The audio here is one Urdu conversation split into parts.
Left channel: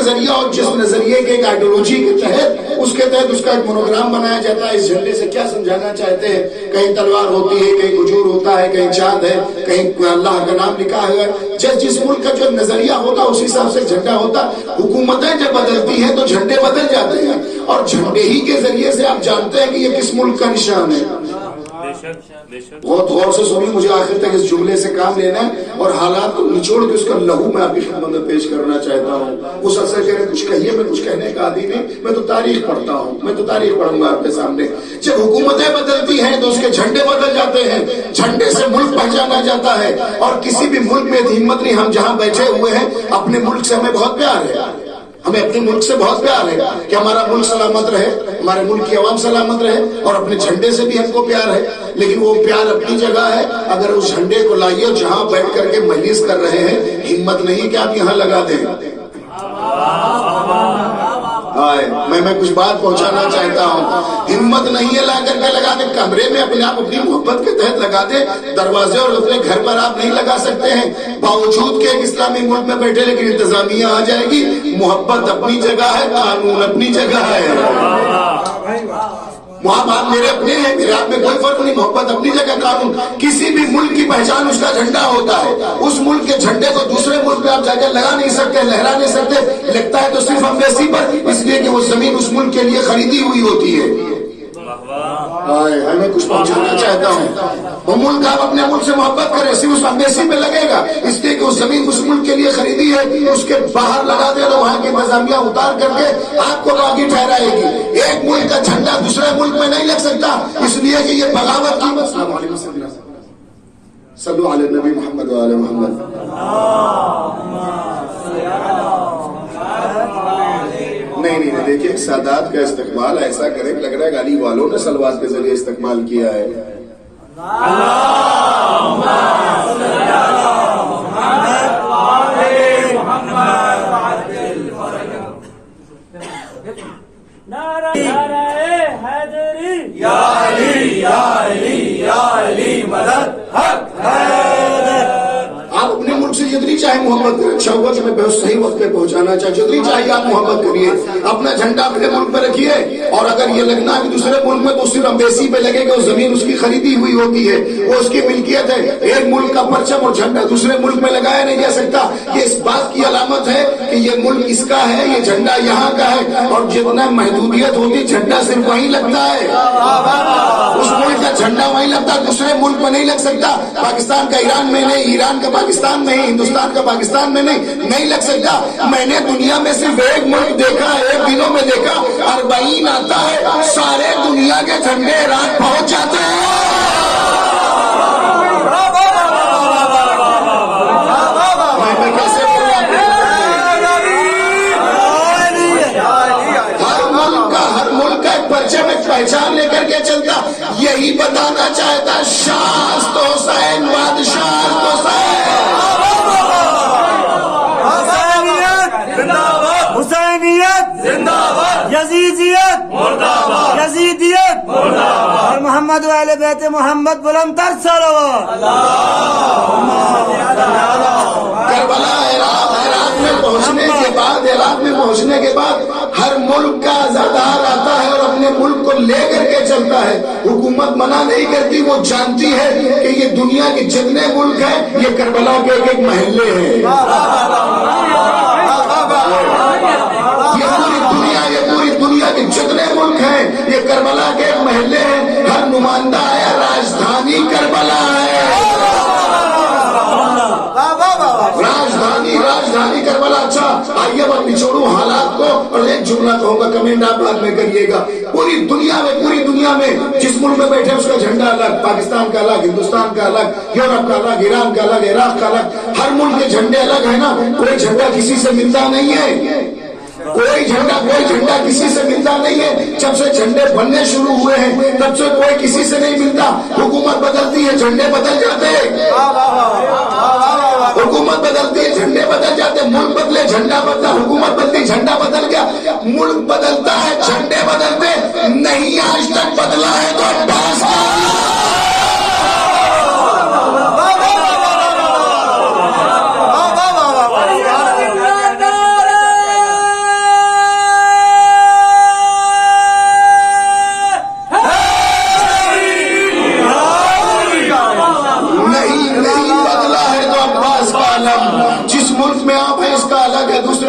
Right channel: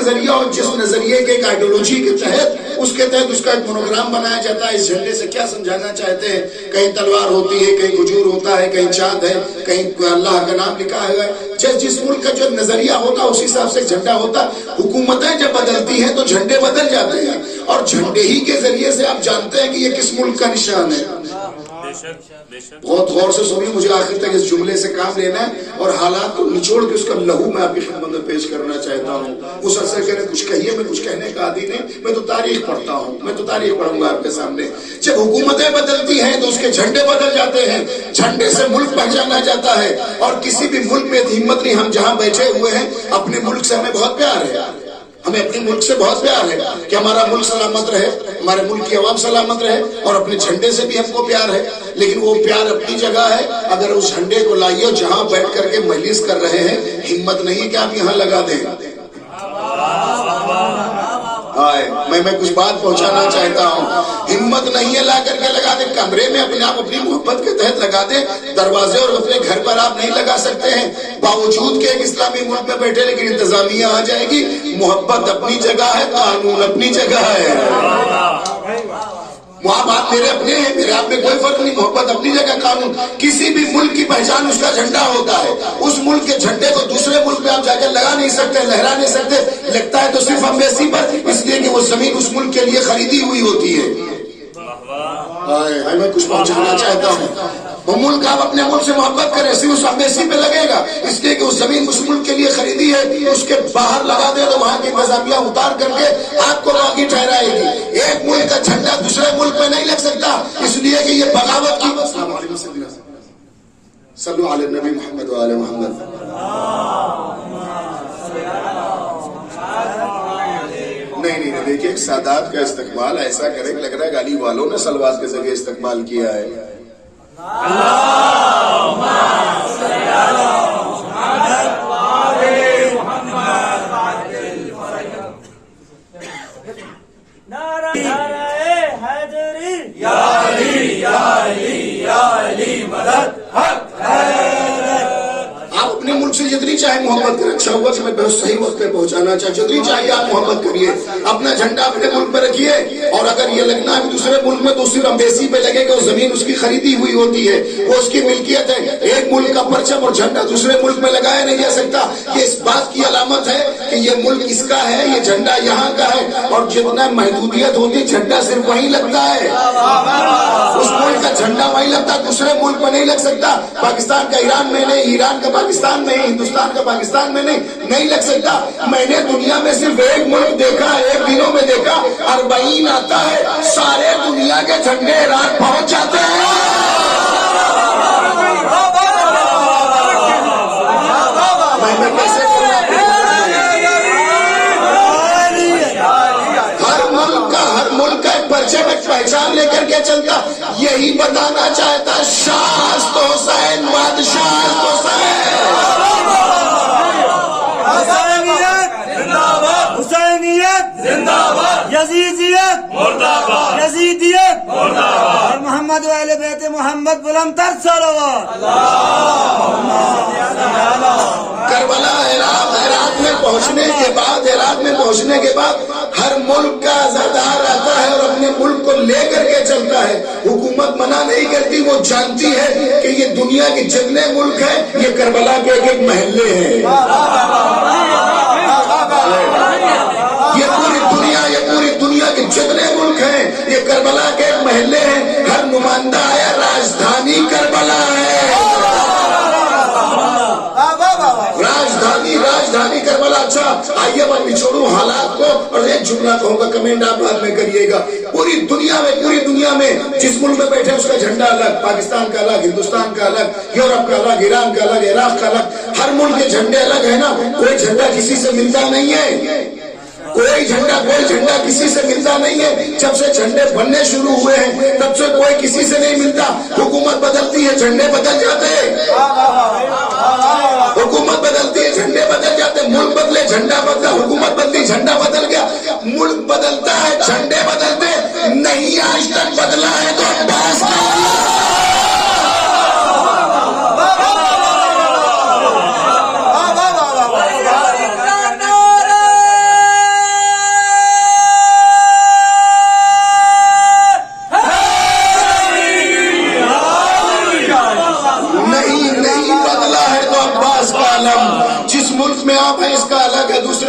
نظریہ اور جس نظریے کے ایک آئیڈیولوجی کے تحت اس کے تحت اس کا ایک مونوگرام بنایا جاتا ہے. اس جھنڈے سے کیا سمجھانا چاہتے ہیں؟ کہیں تلوار ہوتی ہے, کہیں کھجور ہوتا ہے, کہیں چاند ہے, کہیں اللہ کا نام لکھا ہے. جس ملک کا جو نظریہ ہوتا اسی حساب سے جھنڈا ہوتا. حکومتیں جب بدلتی ہیں تو جھنڈے بدل جاتے ہیں, اور جھنڈے ہی کے ذریعے سے آپ جانتے ہیں کہ یہ کس ملک کا نشان ہے. بہت غور سے سنیے, مجھے آخر تک اس جملے سے کام لینا ہے اور حالات کو نچوڑ کے اس کا لہو میں آپ کی خدمت میں پیش کرنا چاہتا ہوں. اس عرصے کہہ رہے کچھ کہیے, میں کچھ کہنے کا عادی نہیں, میں تو تاریخ پڑھتا ہوں, میں تو تاریخ پڑھوں گا آپ کے سامنے. جب حکومتیں بدلتی ہیں تو اس کے جھنڈے بدل جاتے ہیں. جھنڈے سے ملک پہچانا جاتا ہے, اور کسی بھی ملک میں ہمت نہیں. ہم جہاں بیٹھے ہوئے ہیں اپنے ملک سے ہمیں بہت پیار ہے, ہمیں اپنے ملک سے بہت پیار ہے کہ ہمارا ملک سلامت رہے, ہمارے ملک کی عوام سلامت رہے, اور اپنے جھنڈے سے بھی ہم کو پیار ہے. لیکن وہ پیار اپنی جگہ ہے. اگر اس جھنڈے کو لائیے جہاں بیٹھ کر کے مجلس کر رہے ہیں, ہمت نہیں کہ آپ یہاں لگا دیں. میں کچھ بات پہنچانا چاہتا ہوں. ہمت نہیں ہے لا کر کے لگا دیں. کمرے میں اپنے آپ اپنی محبت کے تحت لگا دیں. دروازے اور اپنے گھر پر آپ نہیں لگا سکتے ہیں, باوجود کہ ایک اسلامی ملک میں بیٹھے, لیکن انتظامیہ آ جائے گی. محبت اپنی جگہ ہے, قانون اپنی جگہ ہے. وہاں بات میرے اپنے ہیں, میرے آپ میں کوئی فرق نہیں. محبت اپنی جگہ, قانون. کسی بھی ملک کی پہچان اس کا جھنڈا ہوتا ہے. اس ملک کے جھنڈے کو دوسرے ملک میں آپ جا کے لگا نہیں سکتے, لہرا نہیں سکتے. لگتا ہے تو صرف امبیسی پر, اس لیے کہ وہ زمین اس ملک کے لیے خریدی ہوئی ہوتی ہے. میں کچھ پہنچانا چاہتا ہوں. وہ ملک, آپ اپنے ملک سے محبت کریں, صرف اس امبیسی پہ لگے گا, اس لیے کہ وہ زمین اس ملک کے لیے خریدی ہے. اس کے باہر لگا دے تو وہاں کی انتظامیہ اتار کر کے آپ کو باقی ٹھہرائے گی. ایک ملک کا جھنڈا دوسرے ملک میں نہیں لگ سکتا, اس لیے کہ یہ بغاوت کی. صلو علی نبی محمد و آل محمد. نہیں, دیکھیے ایک سادات کا استقبال ایسا کرے لگ رہا ہے گالی والوں نے سلوات کے ذریعے استقبال کیا ہے. آپ اپنے ملک سے جتنی چاہے محبت کریں. اچھا ہوگا کہ میں بہت صحیح وقت پہ پہنچانا چاہتا. جتنی چاہیے آپ محبت کریے, اپنا جھنڈا اپنے ملک پہ رکھیے. اور اگر یہ لگنا ہے کہ دوسرے ملک میں, تو صرف امبیسی پہ لگے گا. زمین اس کی خریدی ہوئی ہوتی ہے, وہ اس کی ملکیت ہے. ایک ملک کا پرچم اور جھنڈا دوسرے ملک میں لگایا نہیں جا سکتا. یہ اس بات کی علامت ہے کہ یہ ملک اس کا ہے, یہ جھنڈا یہاں کا ہے. اور جتنا محدودیت ہوتی, جھنڈا صرف وہیں لگتا ہے. اس ملک کا جھنڈا وہیں لگتا, دوسرے ملک میں نہیں لگ سکتا. پاکستان کا ایران میں نہیں, ایران کا پاکستان میں, ہندوستان کا پاکستان میں نہیں لگ سکتا. میں نے دنیا میں صرف ایک ملک دیکھا, ایک دنوں میں دیکھا, 40 آتا ہے, سارے دنیا کے جھنڈے رات پہنچ جاتے ہیں. میں کیسے ہر ملک کا ایک پرچم, ایک پہچان لے کر کے چلتا. یہی بتانا چاہتا شاہ تو حسین, بادشاہ تو حسین. یزیدیت یزیدیت اور محمد و اہل بیت محمد بلند تر صلوات. کربلا عراق میں پہنچنے کے بعد ہر ملک کا عزادار آتا ہے اور اپنے ملک کو لے کر کے چلتا ہے. حکومت منع نہیں کرتی, وہ جانتی ہے کہ یہ دنیا کے جتنے ملک ہیں, یہ کربلا کے ایک ایک محلے ہیں. یہ پوری دنیا کے جتنے ملک ہیں, یہ کربلا کے ایک محلے ہیں. ہر نمائندہ آیا, راجدھانی کربلا ہے. راجدھانی کربلا. اچھا آئیے میں نچوڑوں حالات کو, اور ایک جملہ کہوں گا, کمنٹ آپ بعد میں کریے گا. پوری دنیا میں جس ملک میں بیٹھے اس کا جھنڈا الگ, پاکستان کا الگ, ہندوستان کا الگ, یورپ کا الگ, ایران کا الگ, عراق کا الگ. ہر ملک کے جھنڈے الگ ہے نا. کوئی جھنڈا کسی سے ملتا نہیں ہے, کوئی جھنڈا کسی سے ملتا نہیں ہے. جب سے جھنڈے بننے شروع ہوئے ہیں تب سے کوئی کسی سے نہیں ملتا. حکومت بدلتی ہے, جھنڈے بدل جاتے ہیں. حکومت بدلتی ہے, جھنڈے بدل جاتے. ملک بدلے, جھنڈا بدلا. حکومت بدلی, جھنڈا بدل گیا. ملک بدلتا ہے, جھنڈے بدلتے نہیں. آج تک بدلا ہے تو بس.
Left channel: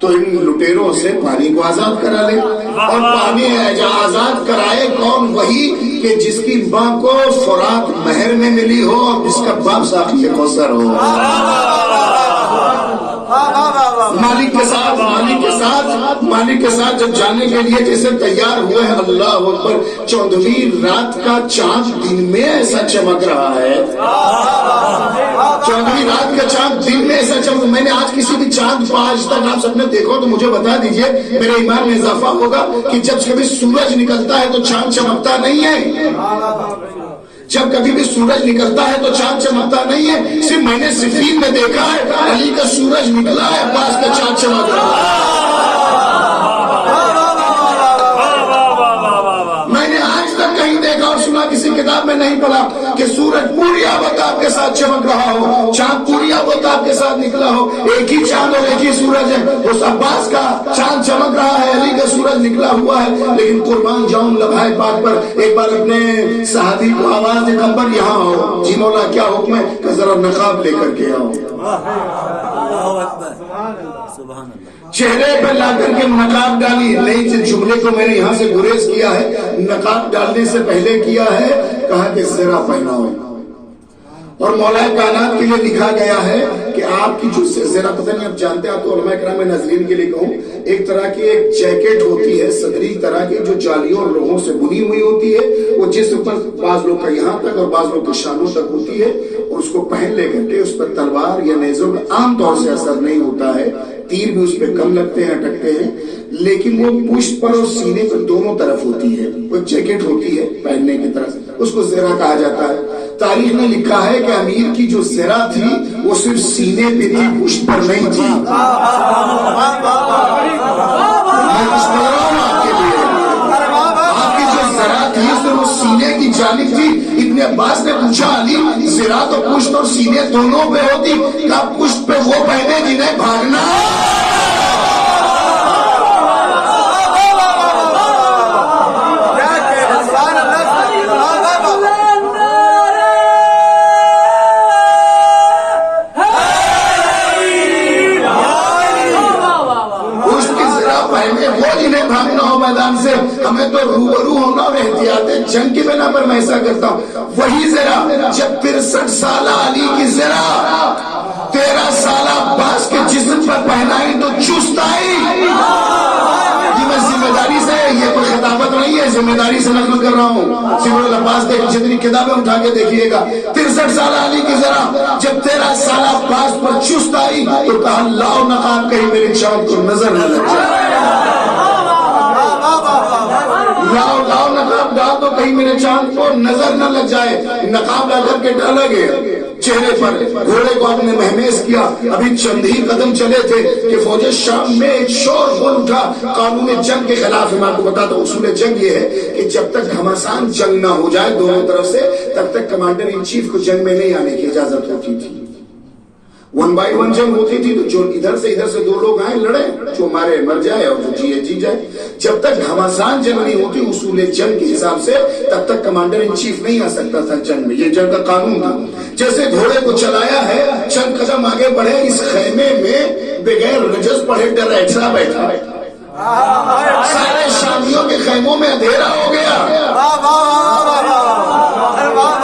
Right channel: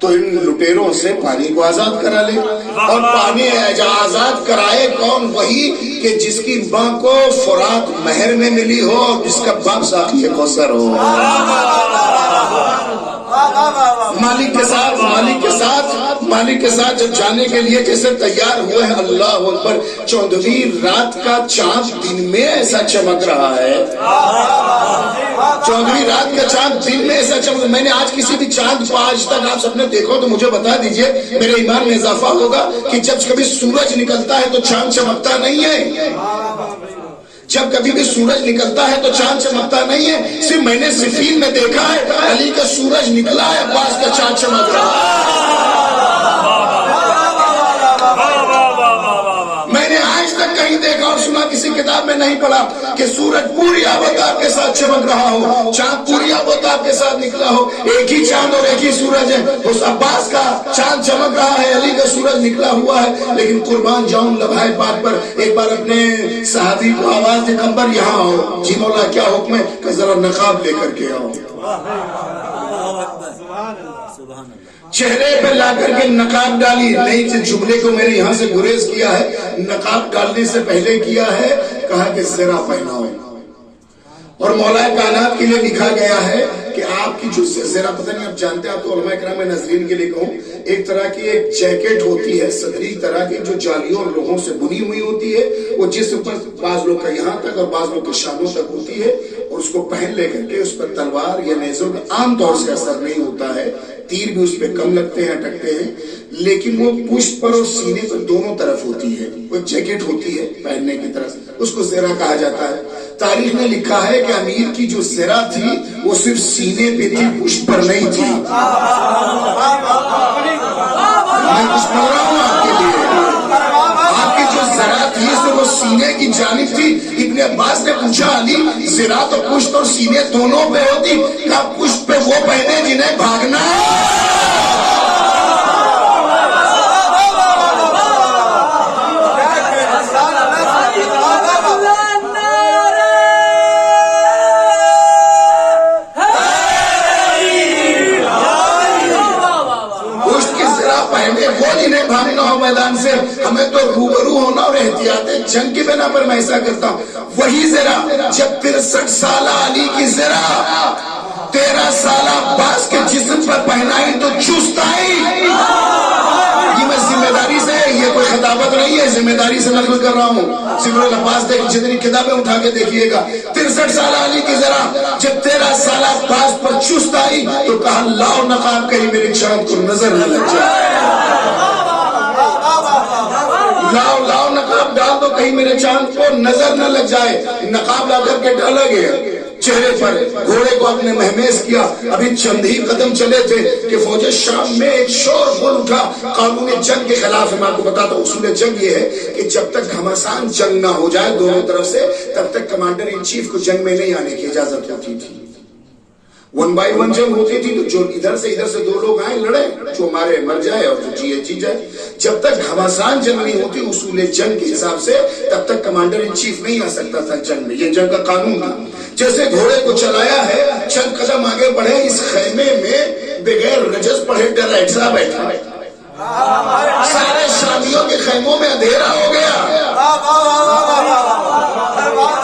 تو ان لٹیروں سے پانی کو آزاد کرا لے. اور پانی آزاد کرائے کون؟ وہی کہ جس کی ماں کو فرات مہر میں ملی ہو، جس کا باپ ساقی کوثر ہو. مالک کے ساتھ جب جانے کے لیے جیسے تیار ہوئے ہیں، اللہ اکبر، 14ویں رات کا چاند دن میں ایسا چمک رہا ہے. 14ویں رات کا چاند دن میں ایسا چمک. میں نے آج کسی بھی چاند کو آج تک آپ سب نے دیکھو تو مجھے بتا دیجئے، میرے ایمان میں اضافہ ہوگا کہ جب کبھی سورج نکلتا ہے تو چاند چمکتا نہیں ہے. جب کبھی بھی سورج نکلتا ہے تو چاند چمکتا نہیں ہے. صرف میں نے صفین میں دیکھا ہے علی کا سورج نکلا ہے، عباس کا چاند چمک رہا ہے. میں نے آج تک کہیں دیکھا اور سنا، کسی کتاب میں نہیں پڑھا کہ سورج پوری آفتاب کے ساتھ چمک رہا ہو، چاند پوری آفتاب کے ساتھ نکلا ہو. ایک ہی چاند اور ایک ہی سورج ہے. اس عباس کا چاند چمک رہا ہے، علی کا سورج نکلا ہوا ہے. لیکن قربان جاؤں لبھائے پاک پر، ایک بار اپنے صحابی کو آواز دے، کمبر یہاں آؤ. جی مولا کیا حکم ہے؟ کہ ذرا نقاب لے کر کے آؤ. چہرے پہ لا کر کے نقاب ڈالی. نہیں، جس جملے کو میں نے یہاں سے گریز کیا ہے، نقاب ڈالنے سے پہلے کیا ہے، کہا کہ زرہ پہناؤ. اور مولا کائنات کے لیے لکھا گیا ہے کہ آپ کی جو زرہ، پتہ نہیں آپ جانتے، آپ تو علماء کرام ناظرین کے لیے کہوں، ایک طرح کی ایک جیکٹ ہوتی ہے صدری طرح کی، جو جالیوں اور لوہوں سے بنی ہوئی ہوتی ہے. وہ جسم پر بعض لوگ کا یہاں تک اور بعض لوگ کے شانوں تک ہوتی ہے. اور اس کو پہن لے کر کے اس پر تلوار یا نیزوں میں عام طور سے اثر نہیں ہوتا ہے. تیر بھی اس پہ کم لگتے ہیں، اٹکتے ہیں. لیکن وہ پشت پر اور سینے پر دونوں طرف ہوتی ہے. وہ جیکٹ ہوتی ہے پہننے کی طرف، اس کو زرہ کہا جاتا ہے. تاریخ نے لکھا ہے کہ امیر کی جو زرہ تھی وہ صرف سینے پہ تھی، پشت پر نہیں تھی. میں کچھ بول رہا ہوں آپ کے لیے. آپ کی جو زرہ تھی وہ سینے کی جانب تھی. ابن عباس نے پوچھا، علی زرہ تو پشت اور سینے دونوں پہ ہوتی، کیا پشت پہ وہ پہنے جنہیں بھاگنا ہے؟ میدان سے ہمیں تو روبرو ہونا اور احتیاط جنگ کی بنا پر میں ایسا کرتا ہوں. وہی زرہ جب 63 سالہ علی کی زرہ 13 سالہ عباس کے جسم پر پہنائی تو چست آئی. یہ میں ذمہ داری سے، یہ کوئی خطابت نہیں ہے، ذمہ داری سے نقل کر رہا ہوں. سمر العباس دیکھ، جتنی کتابیں اٹھا کے دیکھیے گا. 63 سالہ علی کی زرہ جب 13 سالہ عباس پر چست آئی تو کہا، لاؤ نقاب کہیں میرے چاند کو نظر نہ لگ جائے. لاؤ نقاب ڈال دو کہیں میرے چاند کو نظر نہ لگ جائے. نقاب لا کر کے ڈالا گیا چہرے پر. گھوڑے کو آپ نے مہمیز کیا. ابھی چند ہی قدم چلے تھے کہ فوج شام میں ایک شور بول اٹھا قانون جنگ کے خلاف. میں آپ کو بتاتا ہوں اصول جنگ یہ ہے کہ جب تک گھمسان جنگ نہ ہو جائے دونوں طرف سے، تب تک کمانڈر ان چیف کو جنگ میں نہیں آنے کی اجازت ہوتی تھی. 1 by 1 جنگ ہوتی تھی تو جو ادھر سے 2 لوگ آئیں لڑے، جو مارے مر جائے اور جو جیے جی جائے. جب تک گھمسان جنگ نہیں ہوتی اصول جنگ کے حساب سے، تب تک کمانڈر ان چیف نہیں آ سکتا تھا جنگ میں. یہ جنگ کا قانون تھا. جیسے گھوڑے کو چلایا ہے، چند قدم آگے بڑھے، اس خیمے میں بغیر رجز پڑھے ڈرائٹرا بیٹھا. سارے شامیوں کے خیموں میں اندھیرا ہو گیا.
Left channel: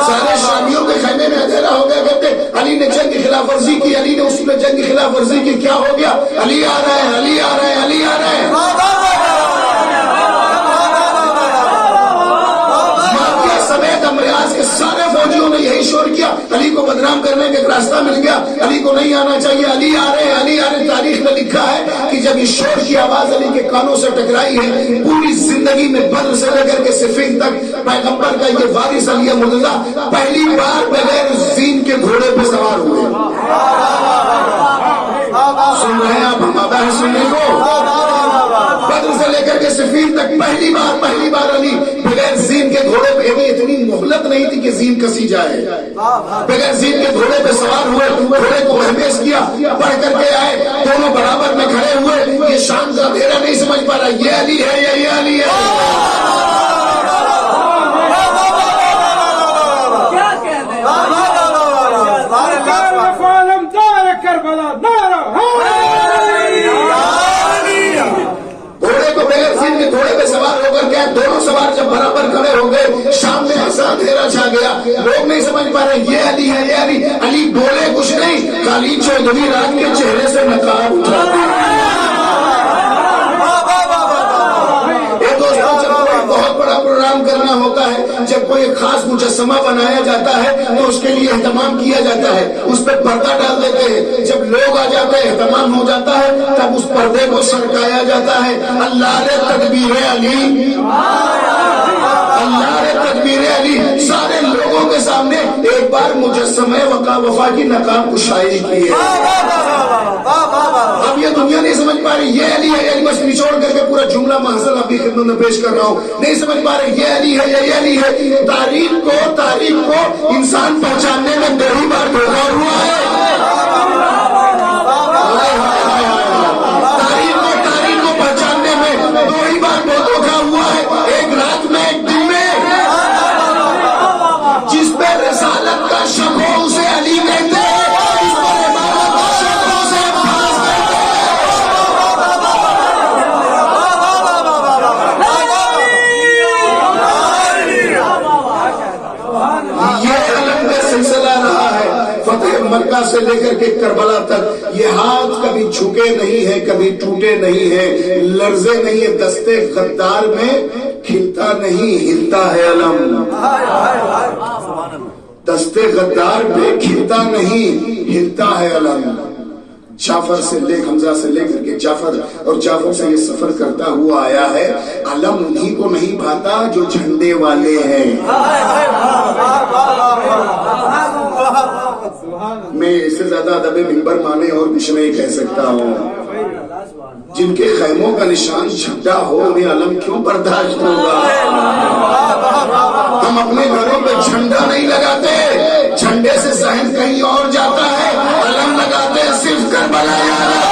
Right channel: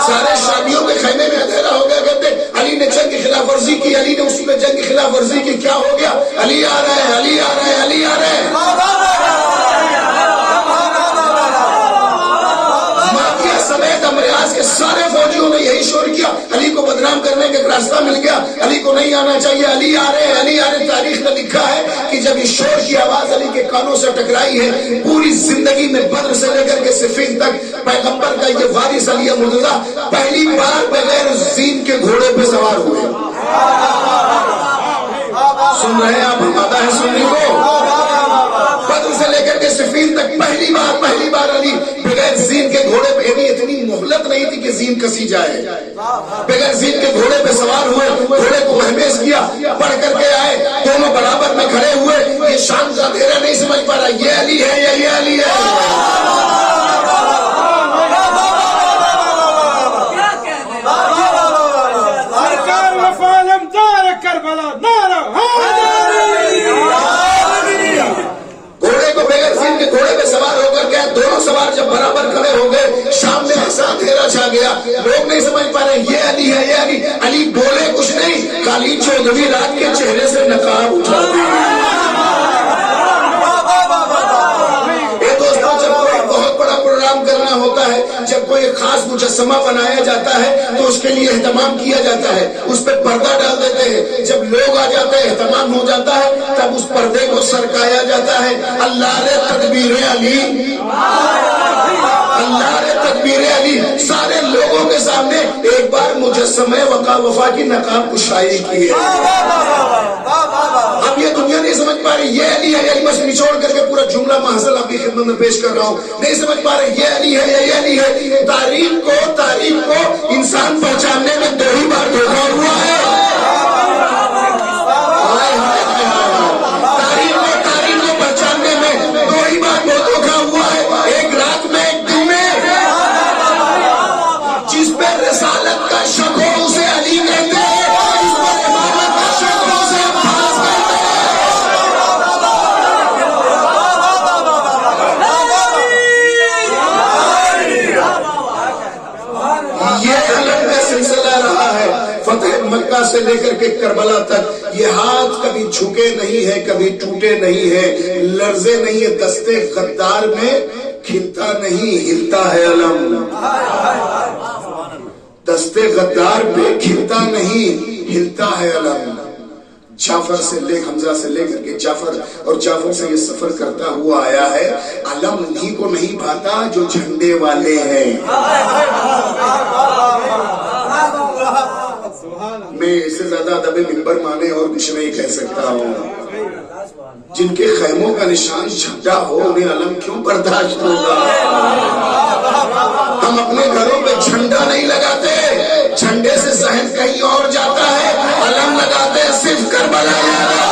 سارے شامیوں کے خیمے میں اندھیرا ہو گیا. کہتے علی نے جنگ کی خلاف ورزی کی، علی نے اصول جنگ کی خلاف ورزی کی. کیا ہو گیا؟ علی آ رہا ہے، علی آ رہا ہے، علی آ رہا ہے. سمیت امریاز کے سارے فوجیوں نے یہی شور کیا. علی کو بدنام کرنے کا ایک راستہ مل گیا. علی کو نہیں آنا چاہیے، علی آ رہے ہیں، علی آ رہے. تاریخ میں لکھا ہے کہ جب اس شور کی آواز علی کے کانوں سے ٹکرائی ہے، پوری زندگی میں بدر سے لے کر کے صفین تک پیغمبر کا یہ وارث علی مرتضیٰ پہلی بار بغیر زین کے گھوڑے پہ سوار ہوئے. سن رہے ہیں آپ؟ ہم آتا ہے سننے کو. بدر سے لے کر کے صفین تک پہلی بار علی بغیر زین کے گھوڑے پہ، اتنی مہلت نہیں تھی کہ زین کسی جائے. بغیر زین کے گھوڑے پہ سوار ہوئے، گھوڑے کو مہمیز کیا، پڑھ کر کے آئے. دونوں برابر میں کھڑے ہوئے. یہ شام کا اندھیرا نہیں سمجھ پا رہا یہ علی ہے یا یہ علی ہے. لوگ نہیں سمجھ پا رہے یہ علی ہے یہ علی. علی بولے کچھ نہیں, خالد چودھری رات کے چہرے سے نقاب اٹھا دیا. دوستوں, جب کوئی بہت بڑا پروگرام کرنا ہوتا ہے, جب کوئی خاص مجسمہ بنایا جاتا ہے تو اس کے لیے اہتمام کیا جاتا ہے, اس پہ پردہ ڈال دیتے ہیں. جب لوگ آ جاتے ہیں, اہتمام ہو جاتا ہے, تب اس پردے کو سرکایا جاتا ہے. اللہ نے تدبیر علی, اللہ نے تدبیر علی سارے لوگوں کے سامنے ایک بار مجسمہ وفا کی نقاب کشائی کی ہے. اب یہ دنیا نہیں سمجھ پا رہی یہ علی ہے, یہی بس نچوڑ کر کے پورا جملہ محضر آپ کی خدمت میں پیش کر رہا ہوں. نہیں سمجھ پا رہے یہ علی ہے یہ علی ہے. تاریخ کو انسان پہچاننے میں 2 ہی بار دھوکا ہوا ہے. تاریخ کو پہچاننے میں 2 ہی بار دھوکا ہوا ہے. ایک رات میں, ایک دن میں. جس پہ رسالت کا شک ہو اسے علی کہتے ہیں, جس پہ رسالت کا شک ہو اسے خاص کہتے ہیں. یہ علم کا سلسلہ رہا ہے فتح مکہ سے لے کر کے کربلا تک. یہ ہاتھ کبھی جھکے نہیں ہے, کبھی ٹوٹے نہیں ہے, لرزے نہیں ہے. دستے غدار میں کھلتا نہیں, ہلتا ہے علم. دستے غدار پہ کھلتا نہیں, ہلتا ہے علم. جعفر سے حمزہ سے لے کر کے جعفر, اور جعفر سے یہ سفر کرتا ہوا آیا ہے. علم انہیں کو نہیں بھاتا جو جھنڈے والے ہیں. میں اس سے زیادہ ادب منبر مانے اور کچھ نہیں کہہ سکتا ہوں. جن کے خیموں کا نشان جھنڈا ہو انہیں علم کیوں برداشت ہوگا؟ ہم اپنے گھروں پہ جھنڈا نہیں لگاتے, جھنڈے سے ذہن کہیں اور جاتا ہے. علم لگاتے صرف کربلا یاد آتا ہے.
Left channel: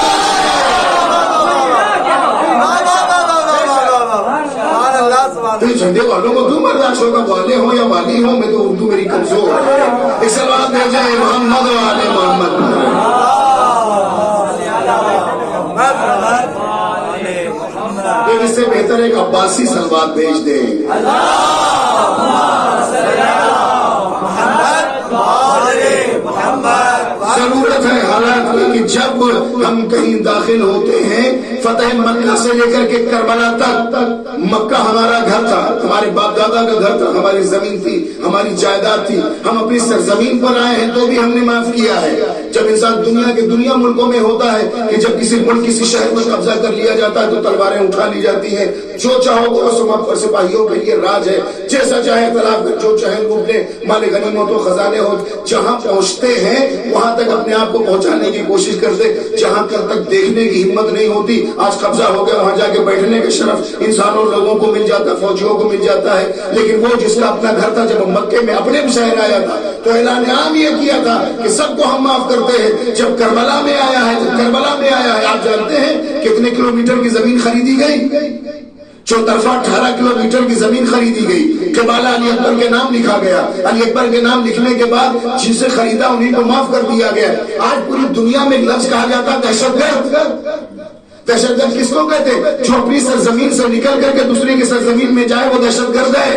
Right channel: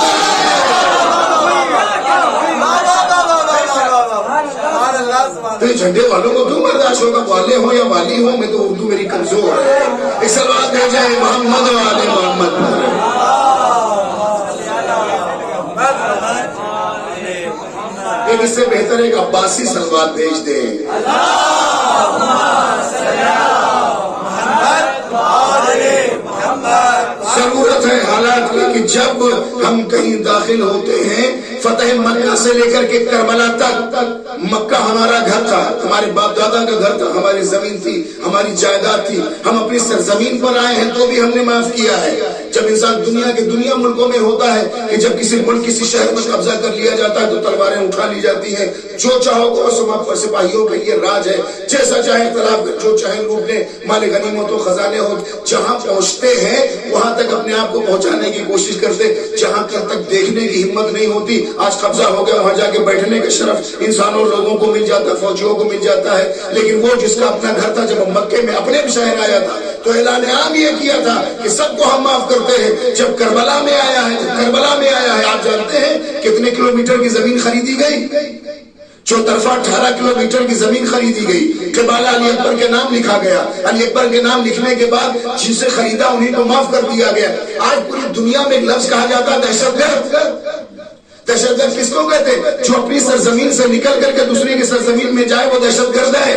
تو جھنڈے والوں کو کیوں برداشت ہوگا؟ والے ہوں یا والی ہوں, میں تو اردو میری کمزور ہے. اس سے بات کہہ جائے محمد و آل محمد. اس سے بہتر ایک عباسی سلوات بھیج دیں. ضرورت ہے حالات کی کہ جب ہم کہیں داخل ہوتے ہیں, فتح مکہ سے لے کر کے کربلا تک, مکہ ہمارا گھر تھا, ہمارے باپ دادا کا گھر تھا, ہماری زمین تھی, ہماری جائیداد تھی. ہم اپنی سرزمین پر آئے ہیں تو بھی ہم نے معاف کیا ہے. جب انسان دنیا ملکوں میں ہوتا ہے کہ جب کسی ملک کسی شہر میں قبضہ کر لیا جاتا ہے تو تلواریں اٹھا لی جاتی ہیں. جو چاہو گو سپاہیوں کے لیے راج ہے, جیسا چاہے اختلاف کر, جو چاہے لوٹ لے, مال غنیمت و خزانے ہو. جہاں پہنچتے ہیں وہاں تک اپنے آپ کو پہنچانے کی کوشش کرتے, جہاں تک دیکھنے کی ہمت نہیں ہوتی. آج قبضہ ہو گیا, وہاں جا کے بیٹھنے کا شرف انسانوں لوگوں کو مل جاتا ہے, فوجیوں کو مل جاتا ہے. لیکن وہ جس کا اپنا گھر تھا, جب مکے میں اپنے بھی شہر آیا تھا تو اعلان عام یہ کیا تھا کہ سب کو ہم معاف کرتے ہیں. جب کربلا میں آیا ہے, آپ جانتے ہیں کتنے کلومیٹر کی زمین خریدی گئی؟ چوطرفہ 18 کلومیٹر کی زمین خریدی گئی. قبالہ علی اکبر کے نام لکھا گیا. علی اکبر کے نام لکھنے کے بعد جسے خریدا انہیں کو معاف کر دیا گیا. آج پوری دنیا میں ایک لفظ کہا جاتا ہے دہشت گرد. دہشت گرد کس کو کہتے ہیں؟ جو اپنی سرزمین سے نکل کر کے دوسرے کی سرزمین میں جائے وہ دہشت گرد ہے.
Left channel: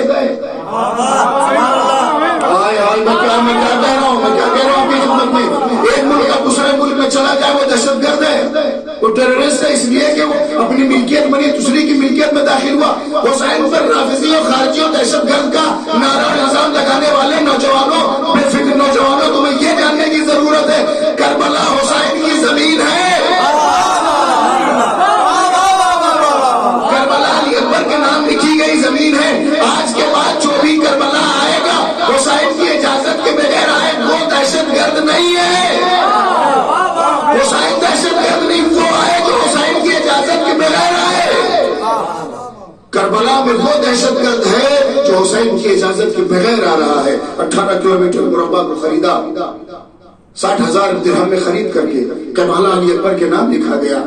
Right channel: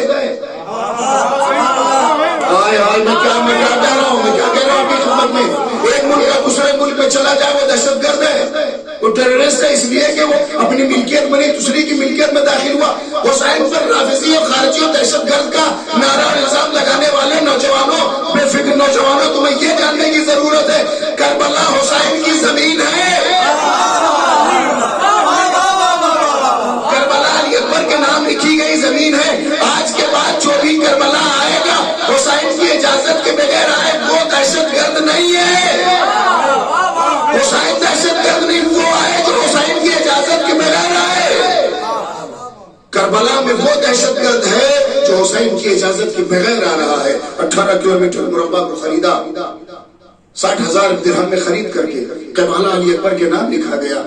میں کیا کہہ رہا ہوں آپ کی خدمت میں, ایک ملک کا دوسرے ملک میں چلا جائے وہ دہشت گرد ہے. وہ ٹیررسٹ ہے اس لیے کہ وہ اپنی ملکیت بنی دوسری کی ملکیت میں داخل ہوا. حسین پر رافضی اور خارجی اور دہشت گرد کا نعرہ نظام لگانے والے نوجوانوں, بے فکر نوجوانوں, تمہیں یہ جاننے کی ضرورت ہے کربلا حسین کی زمین ہے. کربلا علی اکبر کے نام لکھی گئی زمین ہے. آج کے بعد جو بھی کربلا آئے گا حسین کی اجازت کے بغیر آئے, وہ دہشت گرد نہیں ہے. حسین دہشت گرد نہیں, وہ آئے جو حسین کی اجازت کے بغیر آئے. کربلا میں وہ دہشت گرد ہے جو حسین کی اجازت کے بغیر آ رہا ہے. 18 کلومیٹر مربع کو خریدا, 60,000 درہم میں خرید کر کے کربلا علی اکبر کے نام لکھا گیا.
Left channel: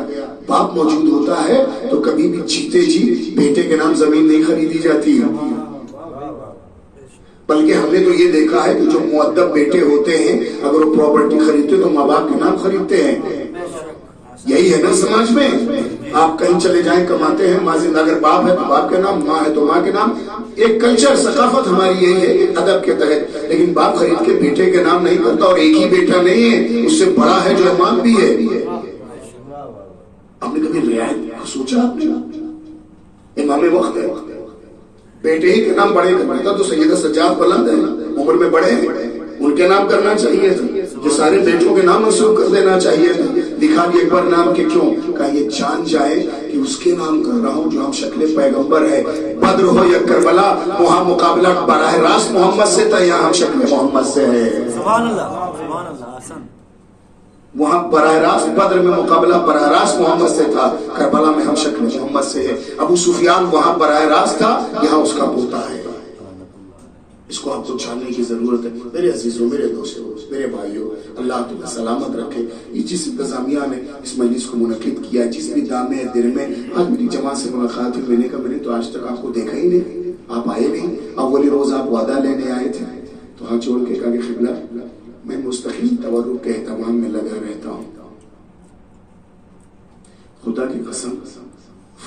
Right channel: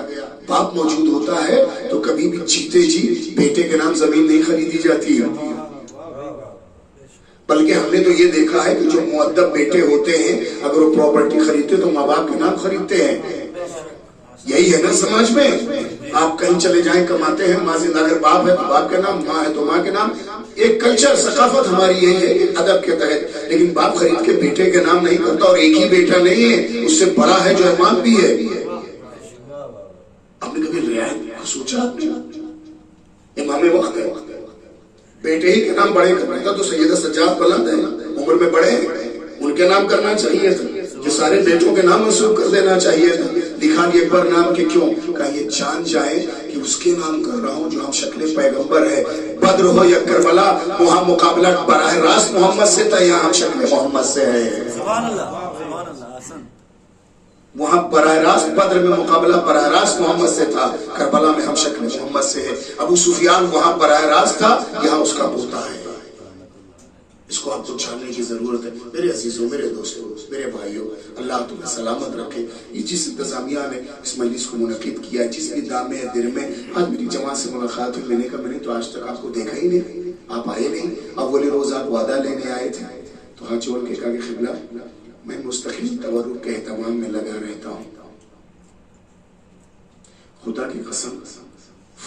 باپ موجود ہوتا ہے تو کبھی بھی جیتے جی بیٹے کے نام زمین نہیں خریدی جاتی ہے. بلکہ ہم نے تو یہ دیکھا ہے کہ جو مؤدب بیٹے ہوتے ہیں اگر وہ پراپرٹی خریدتے تو ماں باپ کے نام خریدتے ہیں. یہی ہے نا سماج میں. آپ کہیں چلے جائیں کماتے ہیں، ماں زندہ، اگر باپ ہے تو باپ کے نام، ماں ہے تو ماں کے نام. ایک کلچر ثقافت ہماری یہی ہے کہ ادب کے تحت. لیکن باپ خرید کے بیٹے کے نام نہیں کرتا، اور ایک ہی بیٹا نہیں ہے، اس سے بڑا ہے جو امام بھی ہے. آپ نے کبھی رعایت کو سوچا؟ آپ نے امام وقت ہے، بیٹے ہی کے نام بڑے کرتا تو سیدہ سجاد بلند ہے، عمر میں بڑے ہیں، ان کے نام کرنا چاہیے تھا. جو سارے بیٹوں کے نام منسوخ کر دینا چاہیے تھا. لکھا بھی اکبر نام کے کیوں؟ کہا یہ جان جائے کہ اس کے نام کر رہا ہوں جو ہم شکل پیغمبر ہے. بدر ہو یا کربلا، وہاں مقابلہ براہ راست محمد سے تھا، یہاں ہم شکل محمد سے ہے. سبحان اللہ، سبحان اللہ. حسن. وہاں براہ راست بدر میں مقابلہ براہ راست محمد سے تھا، کربلا میں ہم شکل محمد سے ہے. ابو سفیان وہاں براہ راست تھا، یہاں اس کا پوتا ہے. اس کو آپ کو جاننے کی ضرورت ہے. میرے عزیزوں، میرے دوستوں، میرے بھائیوں، اللہ تمہیں سلامت رکھے. یہ جس انتظامیہ نے اس مجلس کو منعقد کیا ہے، جس بھی دامے دل میں، آج میری جماعت سے ملاقات ہوئی، میں نے کہا میں نے تو آج تک آپ کو دیکھا ہی نہیں، آپ آئے نہیں. اولی روز آپ وعدہ لینے آئے تھے تو ہاتھ جوڑ کے کہا کہ قبلہ میں مستقل تورک کے اہتمام میں لگا رہتا ہوں. خدا کی قسم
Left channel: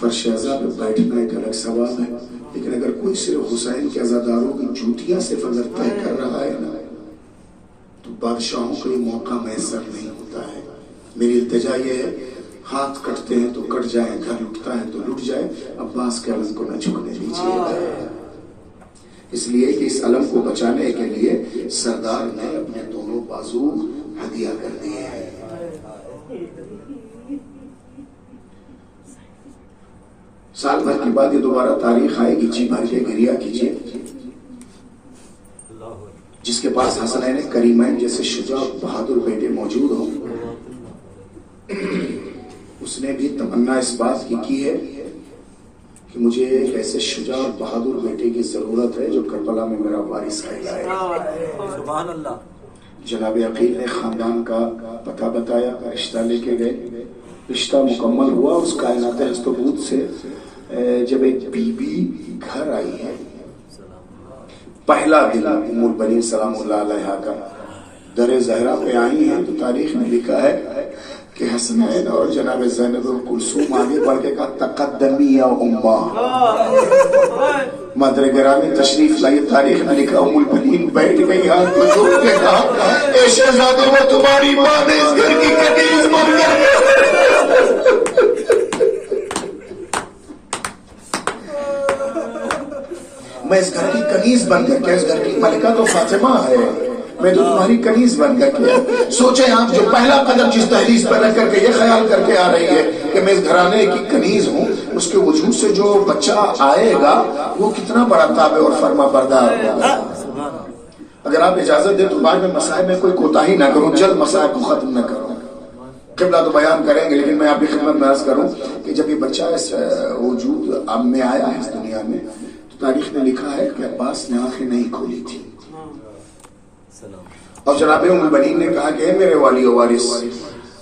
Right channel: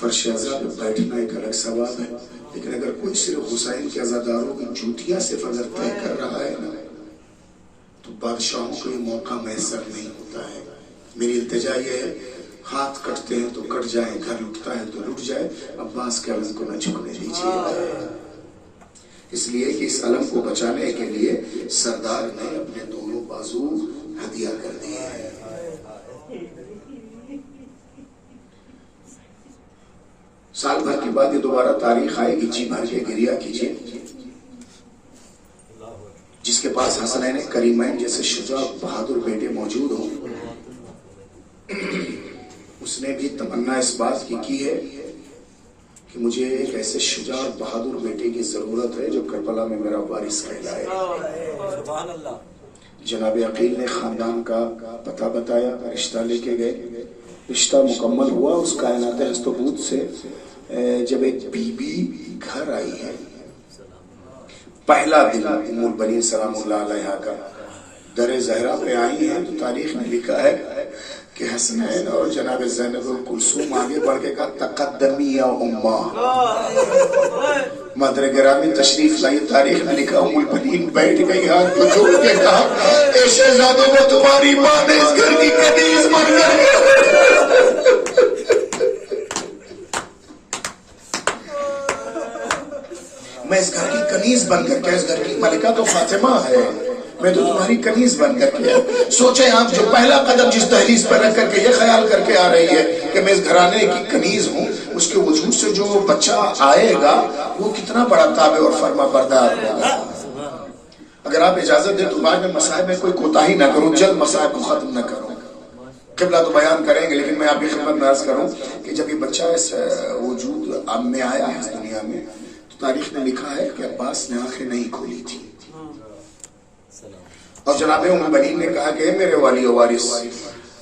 فرش عزا پہ بیٹھنا ایک الگ ثواب ہے، لیکن اگر کوئی صرف حسین کے عزاداروں کی جوتیاں صرف اگر طے کر رہا ہے نا تو بادشاہوں کو یہ موقع میسر نہیں ہوتا ہے. میری التجا یہ ہے، ہاتھ کٹتے ہیں تو کٹ جائیں، گھر لٹتا ہے تو لٹ جائے، عباس کے علم کو نہ جھکنے دیجیے. اس لیے کہ اس علم کو بچانے کے لیے سردار نے اپنے دونوں بازو ہدیہ کر دیے ہیں. سال بھر کے بعد یہ دوبارہ تاریخ آئے گی، جی بھر کے گریہ کیجیے. جس کے پاس حسنین کریمین جیسے شجاع بہادر بیٹے موجود ہوں، اس نے بھی تمنا اس بات کی ہے کہ مجھے ایک ایسے شجاع بہادر بیٹے کی ضرورت ہے جو کربلا میں میرا وارث کہلائے. سبحان اللہ. جناب عقیل نے خاندان کا پتہ بتایا، رشتہ لے کے گئے. رشتہ مکمل ہوا. اس کائنات ہستبوت سے جب ایک بی بی گھر آئی ہے، پہلا دن ام البنین سلام اللہ علیہا کا در زہرا پہ آئی ہیں تو تاریخ میں لکھا ہے کہ حسنین اور جناب زینب کلثوم آگے بڑھ کے کہا تقدمی یا اماں. مادر گرامی تشریف لائی. تاریخ میں لکھا ام البنین بیٹھ گئی، ہاتھ کو جوڑ کے کہا اے شہزادوں میں تمہاری ماں نے اس گھر کی کنیز بن کر میں اس گھر کی کنیز بن کر کے، اس گھر کی ملکہ تو فاطمہ ہے، میں تو تمہاری کنیز بن کر کے. سوچیں آپ، جو پہلا قدم جس دہلیز پر رکھ کر کے یہ خیال کر کے آ رہی ہے کہ میں اس گھرانے کی کنیز ہوں، اس کے وجود سے جو بچہ آئے گا وہ کتنا بڑا تابع اور فرما بردار ہوگا. اگر آپ اجازت دیں تو بعد میں مسائل میں کوئی کوتاہی نہ کروں، جلد مسائل کو ختم نہ کروں. قبلہ تو بیان کریں گے، لیکن میں آپ کی خدمت میں عرض کروں کہ جب یہ بچہ اس وجود اب میں آیا ہے اس دنیا میں، تاریخ میں لکھا ہے کہ عباس نے آنکھیں نہیں کھولی تھی. اور جناب ام البنین نے کہا کہ میرے والی و وارث،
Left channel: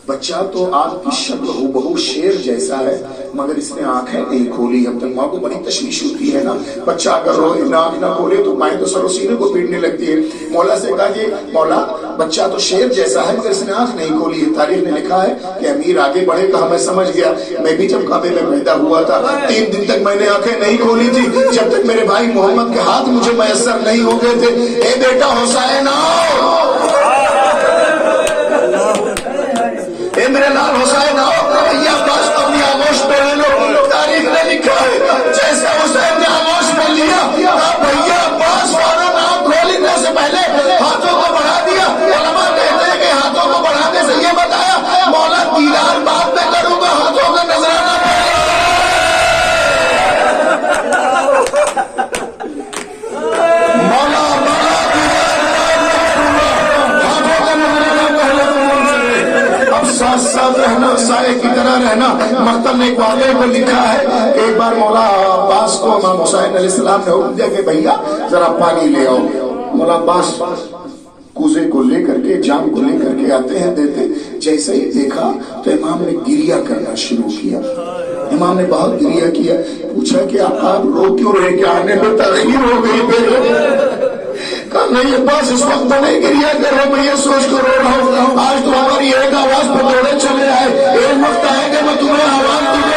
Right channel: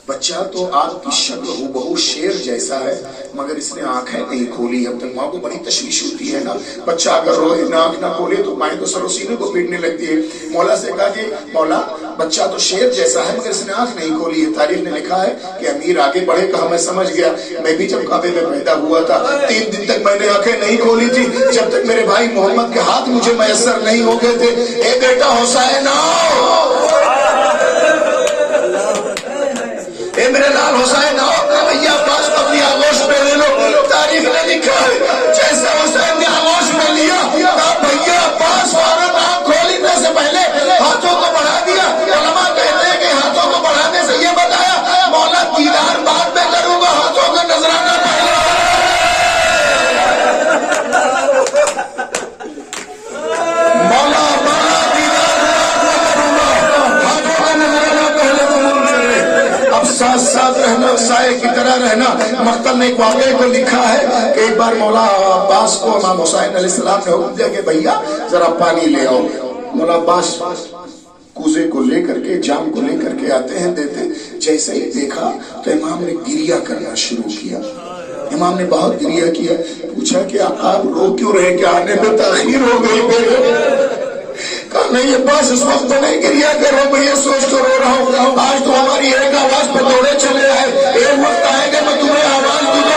بچہ تو آپ کی شکل ہو بہو شیر جیسا ہے مگر اس نے آنکھیں نہیں کھولی. اب تک ماں کو بڑی تشویش ہوتی ہے نا، بچہ اگر روئے نہ آنکھ نہ کھولے تو مائیں تو سر و سینے کو پیٹنے لگتی ہے. مولا سے کہا کہ مولا بچہ تو شیر جیسا ہے مگر اس نے آنکھ نہیں کھولی. تاریخ نے لکھا ہے کہ امیر آگے بڑھے، کہا میں سمجھ گیا، میں بھی جب کعبے میں پیدا ہوا تھا 3 دن تک میں نے آنکھیں نہیں کھولی تھی، جب تک میرے بھائی محمد کے ہاتھ مجھے میسر نہیں ہو گئے تھے. اے بیٹا حسین آؤ، اے میرے لال حسین آؤ. بھیا عباس کو اپنی آغوش پہ لے لو. تاریخ نے لکھا ہے جیسے حسین نے آغوش پہ لیا، بھیا عباس فوراً آنکھ کھولنے سے پہلے ہاتھوں کو بڑھا دیا. علماء کہتے ہیں کہ ہاتھوں کو بڑھانے سے یہ بتایا مولا دیدار بعد میں کروں گا، ہاتھوں کا نظرانہ پہلے. مولا رہنا، سائے کی طرح رہنا. مقتل نے ایک واقعے کو لکھا ہے کہ ایک بار مولا عباس کو امام حسین علیہ السلام نے حکم دیا کہ بھیا ذرا پانی لے آؤ. مولا عباس کوزے کو لے کر کے، جام کو لے کر کے آتے ہیں، دیتے. جیسے ہی دیکھا تو امام نے گریہ کرنا شروع کیا. امام نے بہت گریہ کیا. پوچھا کہ آپ رو کیوں رہے، کہ آنے پہ تاخیر ہو گئی؟ کہا نہیں عباس اس وقت میں گریہ کر رہا ہوں، میں یہ سوچ کر رو رہا ہوں آج تو ہماری ایک آواز پہ دوڑے چلے آئے، ایک وقت آئے گا میں تمہیں آواز دوں گا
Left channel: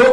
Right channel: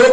2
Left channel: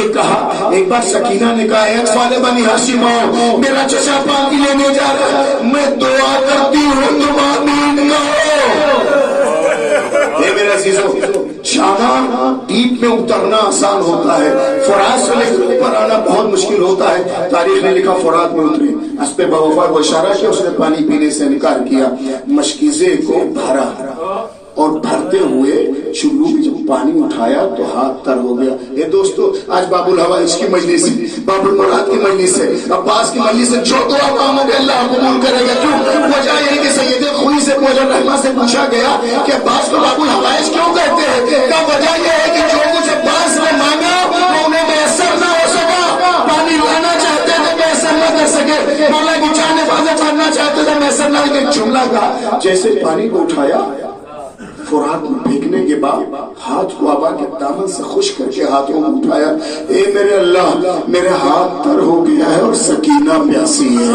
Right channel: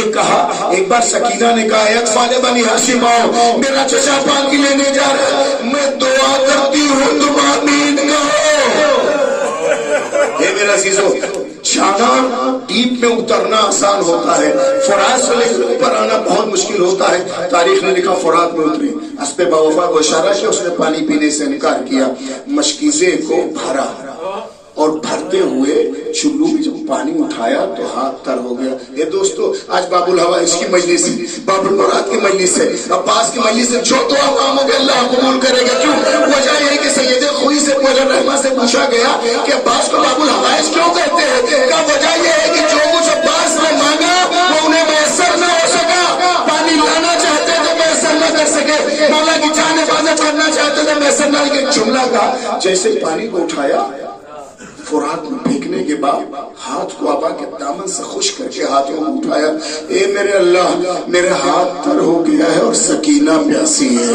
یہ کہا ایک بار سکینہ نے کہا ایک فالے بنی ہاشم آؤ میرا چچا پانی لینے جا رہا ہے میں دعا کرتی ہوں تم آمین کہو اے میرا عزیزو جانا ڈیپ میں اترنا آسان ہوتا ہے فرات سے لے کر اوپر آنا بہت مشکل ہوتا ہے تاریخ نے لکھا فرات میں اتری اس پہ بوفا کو اشارہ کیا اس نے پانی پینے سے انکار کیا مشکیزے کو بھرا اور بھرتے ہوئے چلو میں جب پانی اٹھایا تو ہاتھ تر ہو گیا یہ دوستو آج باب الحوائج کی مجلس ہے باب المراد کی مجلس ہے عباس کی مجلس ہے جو دعا مانگے اللہ قبول کرے گا کیوں وجہ یہ کہ سید خوئی سے مولانا رحمہ سے پوچھا گیا کہ عباس کو باب الحوائج کیوں کہتے ہیں کا وجہ یہ ہے کہ جو کچھ عباس نے مانگا وہ انہیں میسر نہ ہو سکا پانی لانا چاہتے تھے میسر نہ کر سکے مولا کی جان حفاظت کرنا چاہتے تھے میسر نہ لیکن جملہ کا جیسے پانی کو اٹھایا فرات میں پھینکنے کے بعد ہاتھ کو آبا کے دامن سے خشک کر کے ہاتھوں میں اٹھایا اے میرے اللہ میرے ہاتھ تر ہو گیا ہے اور سکینہ پیاسی ہے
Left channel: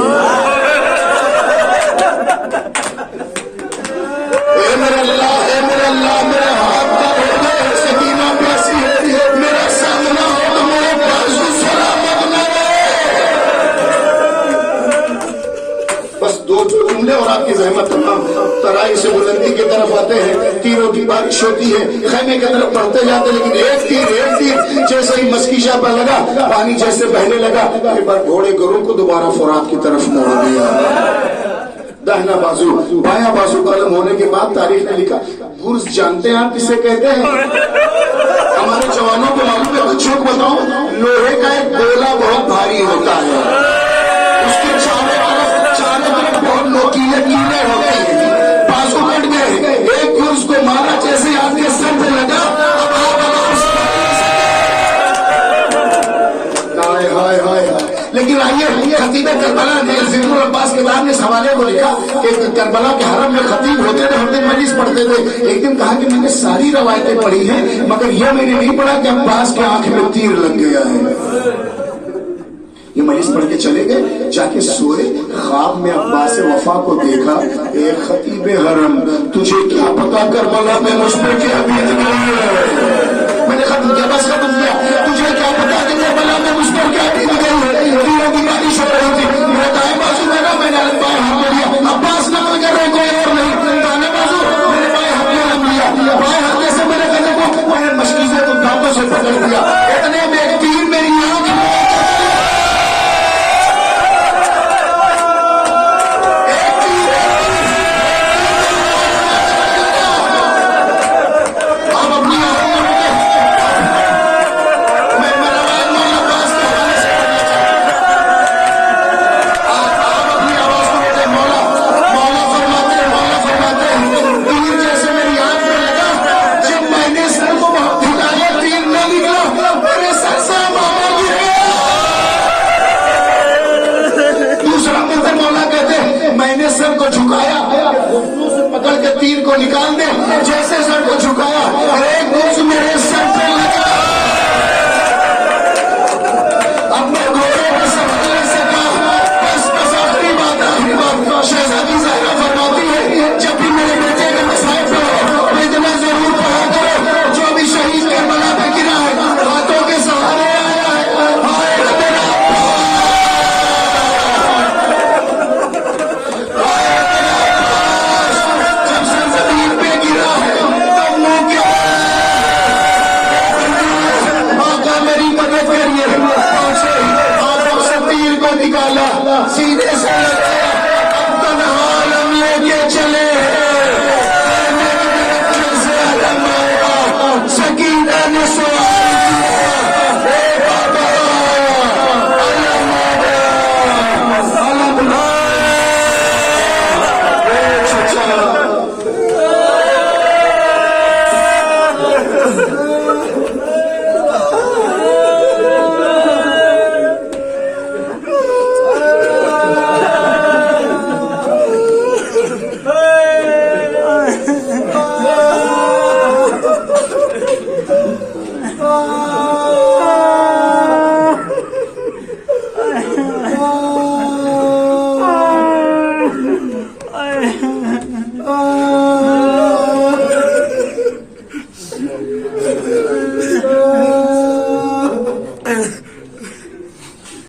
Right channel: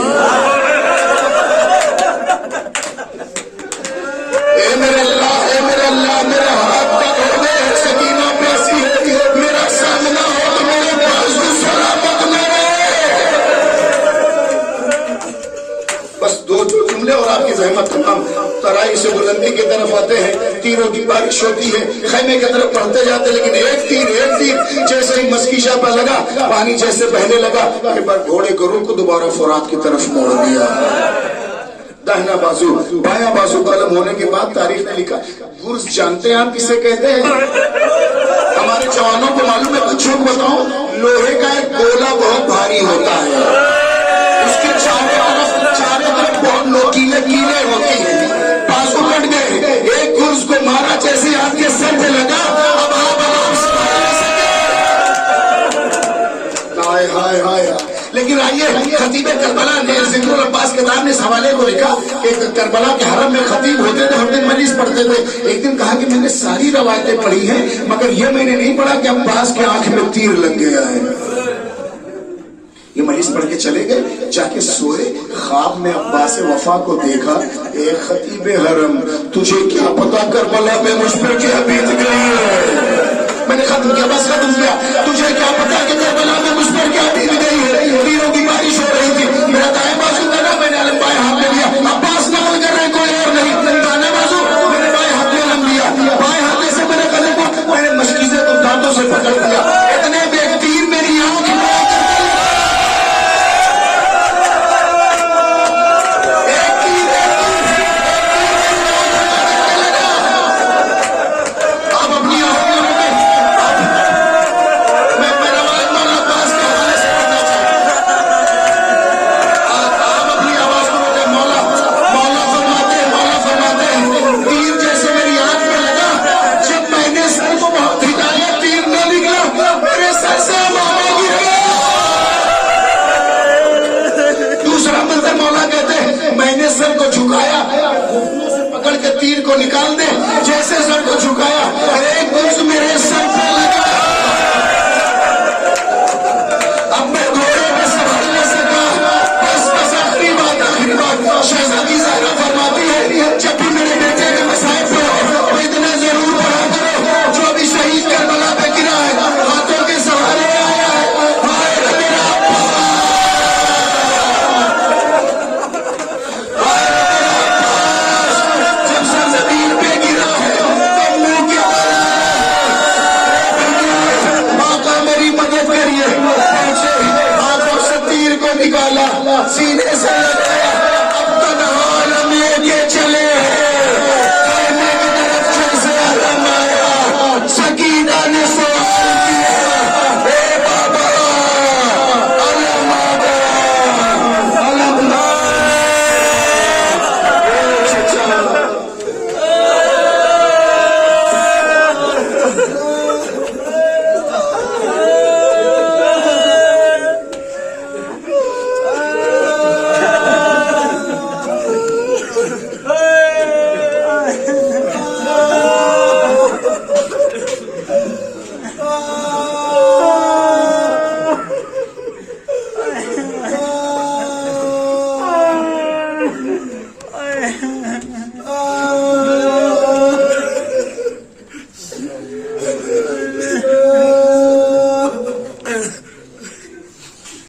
اے میرے اللہ میرا ہاتھ تر ہو گیا ہے سکینہ پیاسی ہے میرا سامنا ہو تو میرے بازو سلامت نہ رہے بس دو جملے اور آپ کی زحمت تمام ترائی سے بلندی کی طرف آتے ہیں تیروں کی بارش ہوتی ہے خیمے کی طرف بڑھتے جاتے لیکن ایک تیر جیسے ہی مسکیشا پہ لگا پانی جیسے بہنے لگا ایک بار گھوڑے گرو کو دوبارہ فرات کی طرف موڑ دیا داہنا بازو بایاں بازو قلم ہونے کے بعد تاریخ نے لکھا گرز جانتے ہیں آپ کسے کہتے ہیں ہمارے جوانوں کو معلوم ہے کچھ بتاؤں لوہے کا ایک گولا بہت بھاری ہوتا ہے اس کے چاروں طرف بہت نوکیلے کیلے ہوتے ہیں بازو کٹ گئے ایک گرز کو مارا جیسے آپ کے سر پہ لگا لیکن آئیے خطیب کربلا نے ذکر العباس کتاب نے اس حوالے کو لکھا کہ کربلا کے حرم میں خطیب ہوتے تھے ہر دن مجلس پڑھتے تھے ایک دن کہا کہ میں نے ساری روایتیں پڑھی ہیں مگر یہ میں نے نہیں پڑھا کہ عباس کے آنکھ میں تیر لگ گیا ہے یہ مجلس پڑھ کے چلے گئے جا کے سوئے خواب میں عباس وفا کو دیکھا اے خطیب حرم تجھے کیا پتا کربلا میں مجھ پر کیا بیت گئی ہے میں نے ختم کیا بس ختم کیا تجھے کیا پتا کہ کربلا میں مجھ پر کیا بیت گئی ہے تیروں کی بارش ہو رہی تھی میرا دائیں بازو لگا میں نے علم بائیں ہاتھ میں لیا عباس نقل کر رہے کوئی اور نہیں دائیں بازو میرے بائیں ہاتھ میں لم لیا بائیں ہاتھ سے میرے گلے کو میں نے مشکیزیں کو دانتوں سے پکڑ لیا اتنے میں ایک تیر میری آنکھ میں تیر کو نکال دے جیسے سر کو جھکایا ایک گرز میرے سر پہ لگا اب میں گھوڑے پہ سوار نہیں سکا بس آخری بات آخری بات شہزادی زہرا فرماتی ہے جب بھی میرے بیٹے کے مسائل پہ تو اتنا ضرور پڑھا کرو جو بھی شہید کربلا پہ گرا ہے ہاتھوں کے سہارے آیا نکالا سیدھے سے